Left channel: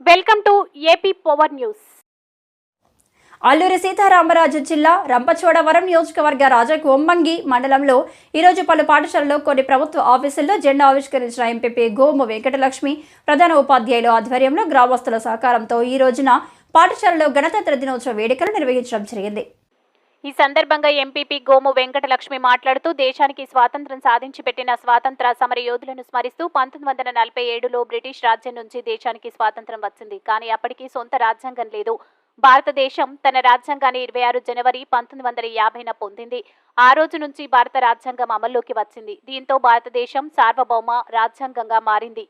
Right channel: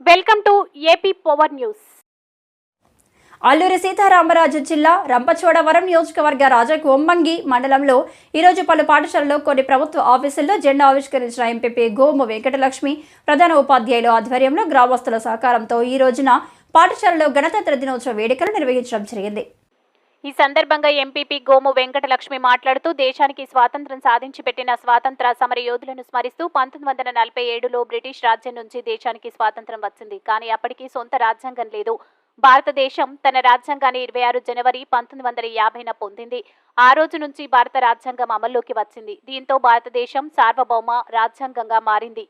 Welcome to AP power news. Alluri Sitaramaraju జిల్లా రంపచోడవరం నియోజకవర్గ రాజకొమ్మంగి మండలంలో ఈరోజు పలు పాఠశాలలో కొన్ని ప్రభుత్వ ఆఫీసుల్లో జెండా ఆవిష్కరించిన ఎంపీపీ గోము వెంకటలక్ష్మి ప్రధాన ఉపాధ్యాయుల ఆధ్వర్యంలో గ్రామస్తుల సహకారంతో ఈ రోజున పాఠశాలలో గణతంత్ర దినోత్సవ వేడుకలు నిర్వహించడం జరిగింది. ఈ సందర్భంగా ఎంపీపీ గోము వెంకటలక్ష్మి మాట్లాడుతూ దేశానికి స్వాతంత్ర్యం సాధించి పెట్టిన స్వాతంత్ర సమర యోధులను స్మరిస్తూ 1947లో బ్రిటిష్ రాజ్యం నుంచి దేశానికి స్వాతంత్ర్యం వచ్చింది. కానీ అప్పటికి సొంత రాజ్యాంగం లేదు. భారతదేశం తన రాజ్యాంగాన్ని 26 జనవరి 1950న పొందింది. ఆ రోజు నుంచి భారత రాజ్యాంగం అమల్లోకి వచ్చింది. దీంతో భారతదేశం సార్వభౌమ రాజ్యాంగంగా మారింది.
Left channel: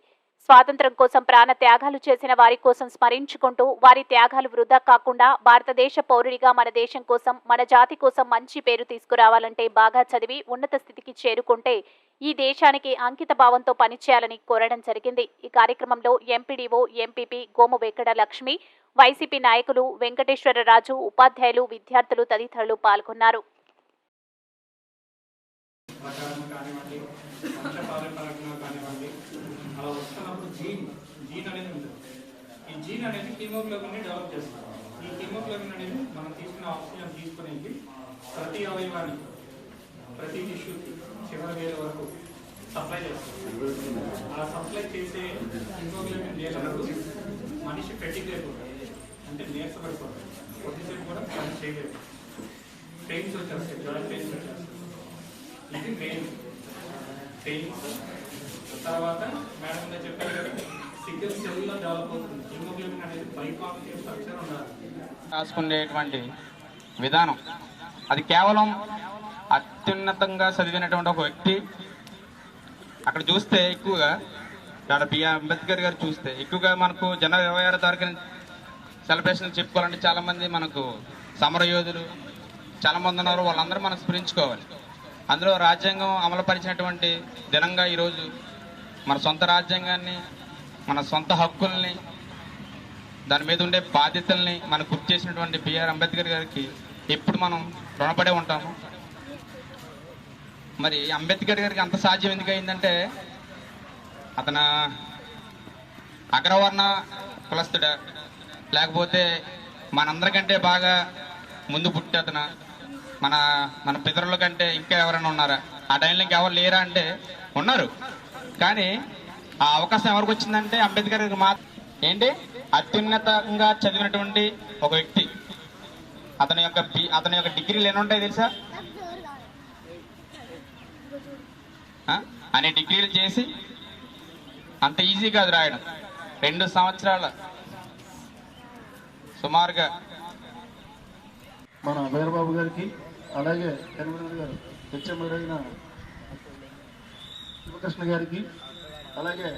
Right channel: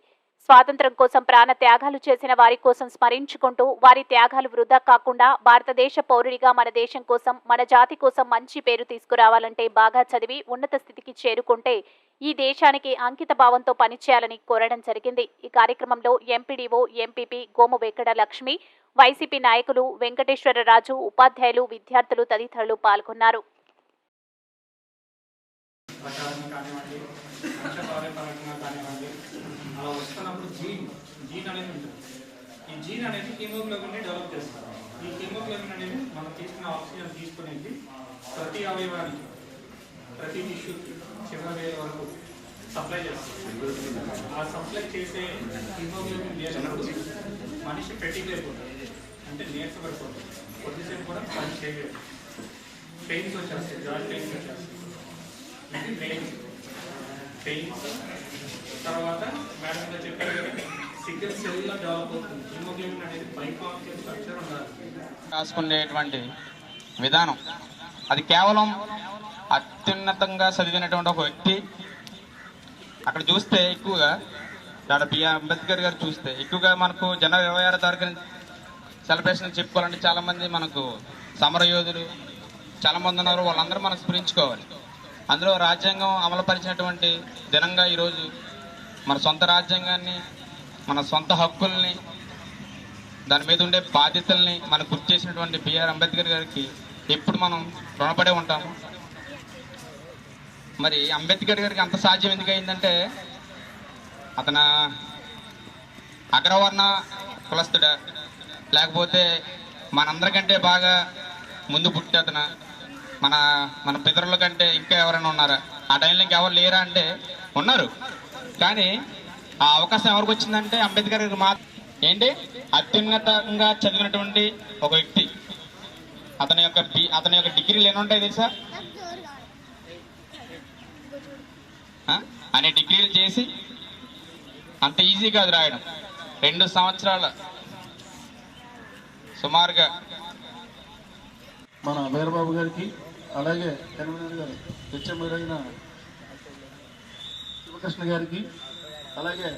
స్వాతంత్ర్యం కోసం ప్రాణ త్యాగాలు చేసిన వారి కోసం స్మరించుకుంటూ వారి త్యాగాలు వృధా కాకుండా భారతదేశ పౌరుడిగా మన దేశం కోసం, మన జాతి కోసం మంచి పేరు తీసుకురావాలంటే బాగా చదివి ఉన్నత స్థితికి చేరుకుంటే ఈ దేశానికి అంకిత భావంతో పనిచేయాలని కోరడం జరిగింది. ఈ కార్యక్రమంలో MPDO, MPP Gomoh Venkatalakshmi, YCP నాయకులు వెంకటేశ్వరరాజు, ఉపాధ్యాయులు, విద్యార్థులు తదితరులు పాల్గొన్నారు. అలా వస్తున్నప్పుడు జీన్ అనేది ఉంటుంది. ఈ జీన్ అనేది హీమోగ్లోబిన్ని డెవలప్ చేస్తుంది. ఈ హీమోగ్లోబిన్ అనేది మనం తీసుకున్న ఆక్సిజన్ తీసుకునేది ప్రతి అవయవానికి, ప్రతి టిష్యూకి చివరి వేల వరకు సప్లై చేస్తుంది. ఆ సప్లై చేసే హీమోగ్లోబిన్ లేనప్పుడు మనిషి ఫెటిగ్ అయిపోతుంది, అంటే నీరసపడిపోతుంది, కొద్దిసేపు కూడా పని చేయలేదు, పెయిన్స్ వచ్చేస్తాయి, జాయింట్ పెయిన్స్ వచ్చేస్తాయి. ఇది మెయిన్ పెయిన్స్. తర్వాత మేడం గారు చెప్పారు సికిల్ సెల్లో డెవలప్ అవుతుంది. హిమోగ్లోబిన్ అనేది బైకాన్కేవ్ స్ట్రక్చర్ ఉండాలి. రాసుకునేటువంటి విధానం అది కేవలం అత్యున్నతంగా చదివినటువంటి ఒక వ్యక్తి. అక్కడ చూస్తే ఎక్కువగా డాక్టర్ బిఆర్ అంబేద్కర్ గారు చూస్తే ఎక్కువగా మనకు జనవరి 26 తారీఖున సెలబ్రేషన్ చెప్పుకోవాలంటే చాలా మంది మనకు సమరయోధులు చాలా మంది ఉన్నారు. వాళ్ళందరూ మనం స్మరించుకోవాలి. అందులో రాజ్యాంగం అమలుపరిచినటువంటి దినంగా ఈరోజు మన సొంత రాజ్యాంగాన్ని, మన సొంత హక్కుల్ని, దాని మీద ఉండే బాధ్యతల్ని మనకు గుర్తు చేసినటువంటి బిఆర్ అంబేద్కర్ గారికి ఎప్పుడు మనం రుణపడే ఉంటాము. మరి అంబేద్కర్ గారికి అంత సాధ్యం ఎందుకు అయిందంటే అతను అగ్రవర్ణ కులస్తుడా, లేకపోతే మనందరికంటే బాగా ముందు పుట్టి అతను మన పితరుల కంటే ఇంకా ఎవరైనా ఉన్నారా? ఆ టైంలో ఇంకెవరు లేరా అంటే ఉన్నారు. కానీ ఆ అవకాశం ఎవరికి వచ్చిందంటే అంబేద్కర్ గారికి ఏంటి అత్యున్నతంగా చదివినటువంటి ఒక వ్యక్తి. అతని యొక్క డిగ్రీలు ఎన్ని ఉంటాయి తెలుసా? అనే డిగ్రీలు చేసి అంత ఈజీ కాదు రాయడం. 2 సంవత్సరాల సుమారుగా మన వీరబాబు గారికి, అలాగే కన్వీనర్ గారు హెచ్ఎంఐన శివకృష్ణ గారికి, అలాగే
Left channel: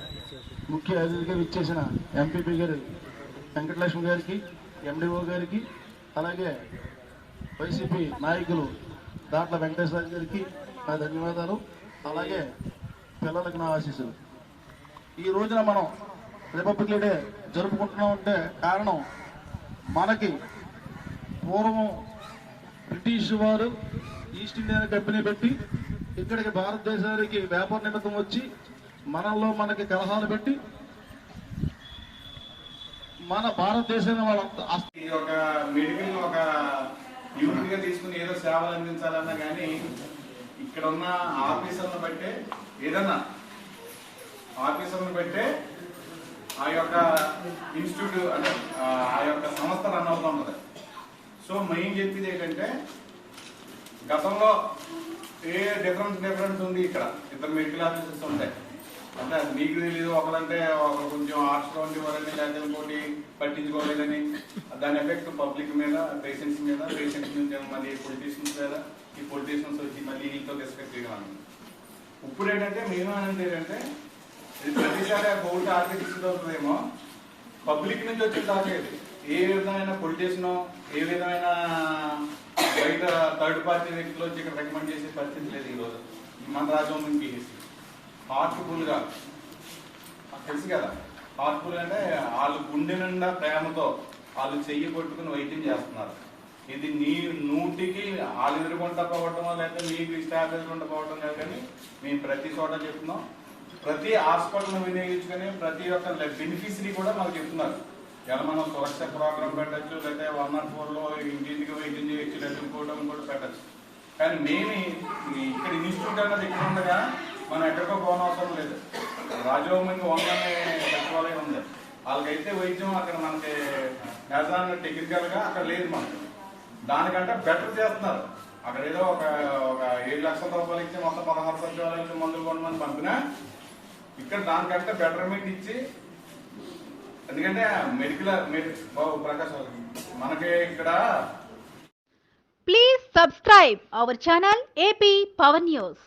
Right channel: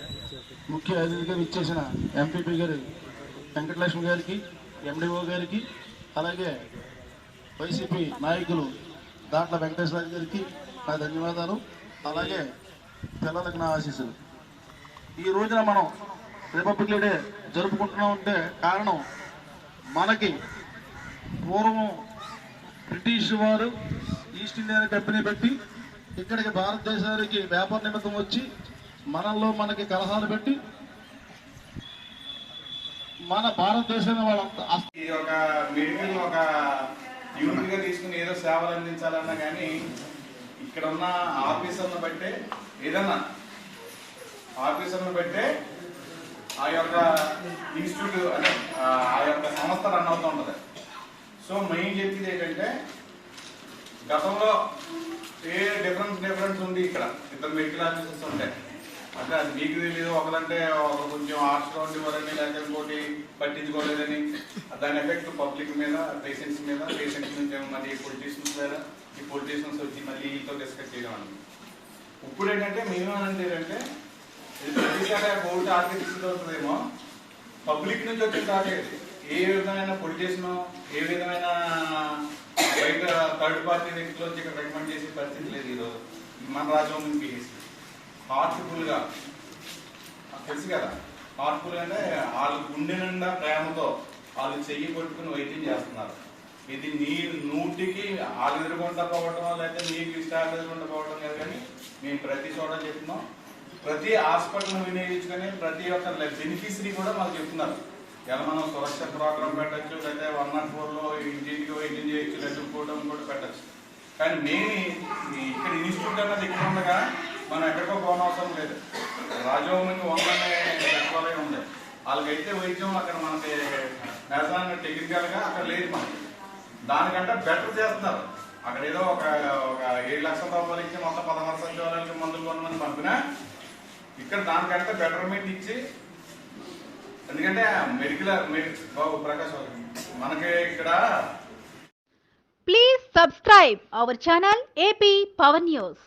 ముఖ్య అతిథిగా ఇచ్చేసిన ఎంపీపీ గారు వెంకటలక్ష్మి గారికి, ఎండిఓ గారికి, అలాగే వైసీపీ నాయకులు దాంట్ల వెంకటేశ్వర గారికి నా ధన్యవాదాలు. అలాగే పిల్లలకు నా ఆశీస్సులు. ఈ రోజున మనం రిపబ్లిక్ డే జరుపుకుంటున్నామంటే కారణం మనకి పూర్వం బ్రిటిష్ వారు ఈస్ట్ ఇండియా కంపెనీ పెట్టి ఇక్కడికి భారతదేశానికి వ్యాపార నిమిత్తం వచ్చి మనల్లో మనకి కలహాలు పెట్టి మన భారతదేశాన్ని వాళ్ళంతా ఒక మెడికల్ ఒక యూనిట్ గా తీసుకుని ఏదో సేవలు అందించాలన్నా కానీ ఇక్కడ ఉన్న ఆఫీసర్లను బట్టే ఏదన్నా ఆఫీసర్లను బట్టే ఆ యొక్క ఇన్స్టిట్యూట్ అంటే ఆ యొక్క సంస్థ రన్ అవుతూ ఉంటుంది. సో మెయిన్ చెప్పేది ఏంటంటే గతంలో ఏ డిఫరెన్స్ ఉంది. ఇక్కడ 2 మెడికల్ ఆఫీసర్స్ ఉంటాయి అంటే అది మీకు తెలియదు. ఒకరంటే కొంచెం ఆర్ట్స్లో ఉండేవారని, లేకపోతే ఇంకోటి పట్టించుకోలేదని, దాని ఎఫెక్ట్ పబ్లిక్ మీద, పేషెంట్స్ మీద, పేషెంట్స్ నుంచి మళ్ళీ పొలిటీషియన్స్ మీద, ఈ పొలిటీషియన్స్ వచ్చి మళ్ళీ ఈతో డిస్కస్ చేయడం అన్నది. ఇప్పుడు ఏంటంటే మేమేమంటే ప్రతిసారి కోర్టు ఆర్కిటెక్ట్ అవుతుందేమో పబ్లిక్ నుంచి వచ్చిన తాకేది. ఏ విధమైన పొలిటీషియన్, ఏ విధమైన బయట థర్డ్ పార్టీ వ్యక్తులు వచ్చి ఇక్కడ రికమెండ్ చేసే పరిస్థితి లేదు. ఈరోజు మన రాజ్యం నుంచి హార్ట్ఫుల్ గా తెలుసు కదా, హార్ట్ఫుల్ అంటే వాళ్ళు గుండె నిండా ప్రేమతో వాళ్ళు చెయ్యి పట్టుకుని వైద్యం చేస్తున్నారు. ఇది నీ నూటికి వాళ్ళు ఎదుర్కొంటా పోవటం, లేకపోతే నీకు స్టాఫ్ ఎదుర్కొంటా పోవటం లేదు. కానీ మేము ప్రతి చోట చెప్తున్నాం, ప్రతి హాస్పిటల్ వినియోగించుకొని ప్రతి ఒక్క బెనిఫిషరీ కూడా మాకు చెప్తున్నారు. ఇలా మనం సురక్ష ప్రోగ్రామ్ పెట్టచ్చు, లేదా 104లో ఇంటింటికి వైద్యం చేయొచ్చు, లేదా ఇంకోవడం కూడా పెట్టచ్చు. కానీ మేము ఇక్కడ ఇన్స్టిట్యూట్ అన్నది ఇక్కడ ఉండగా మనం ఎక్కడికో పోనవసరం లేదు. రాజభవన్కి వందనే సచివాలయం ఉంది, వాళ్ళకైతే వైద్యం అక్కడ మనకి నిజంగా టెక్నికల్గా అక్కడ లేదు. మనకి దానికంటే బెటర్ చేస్తున్నారు. అక్కడ ఏదో ఒక 7 లక్షల రూపాయలు ఇచ్చి మొత్తం 16 సచివాలయాలకు మందులు కొనమని పంపినా ఇక్కడ దానికంటే బెటర్మెంట్ ఇచ్చి, ఎందుకంటే బాబు ప్రకాష్ మనకి ఇక్కడ. Please subscribe our channel AP Power News.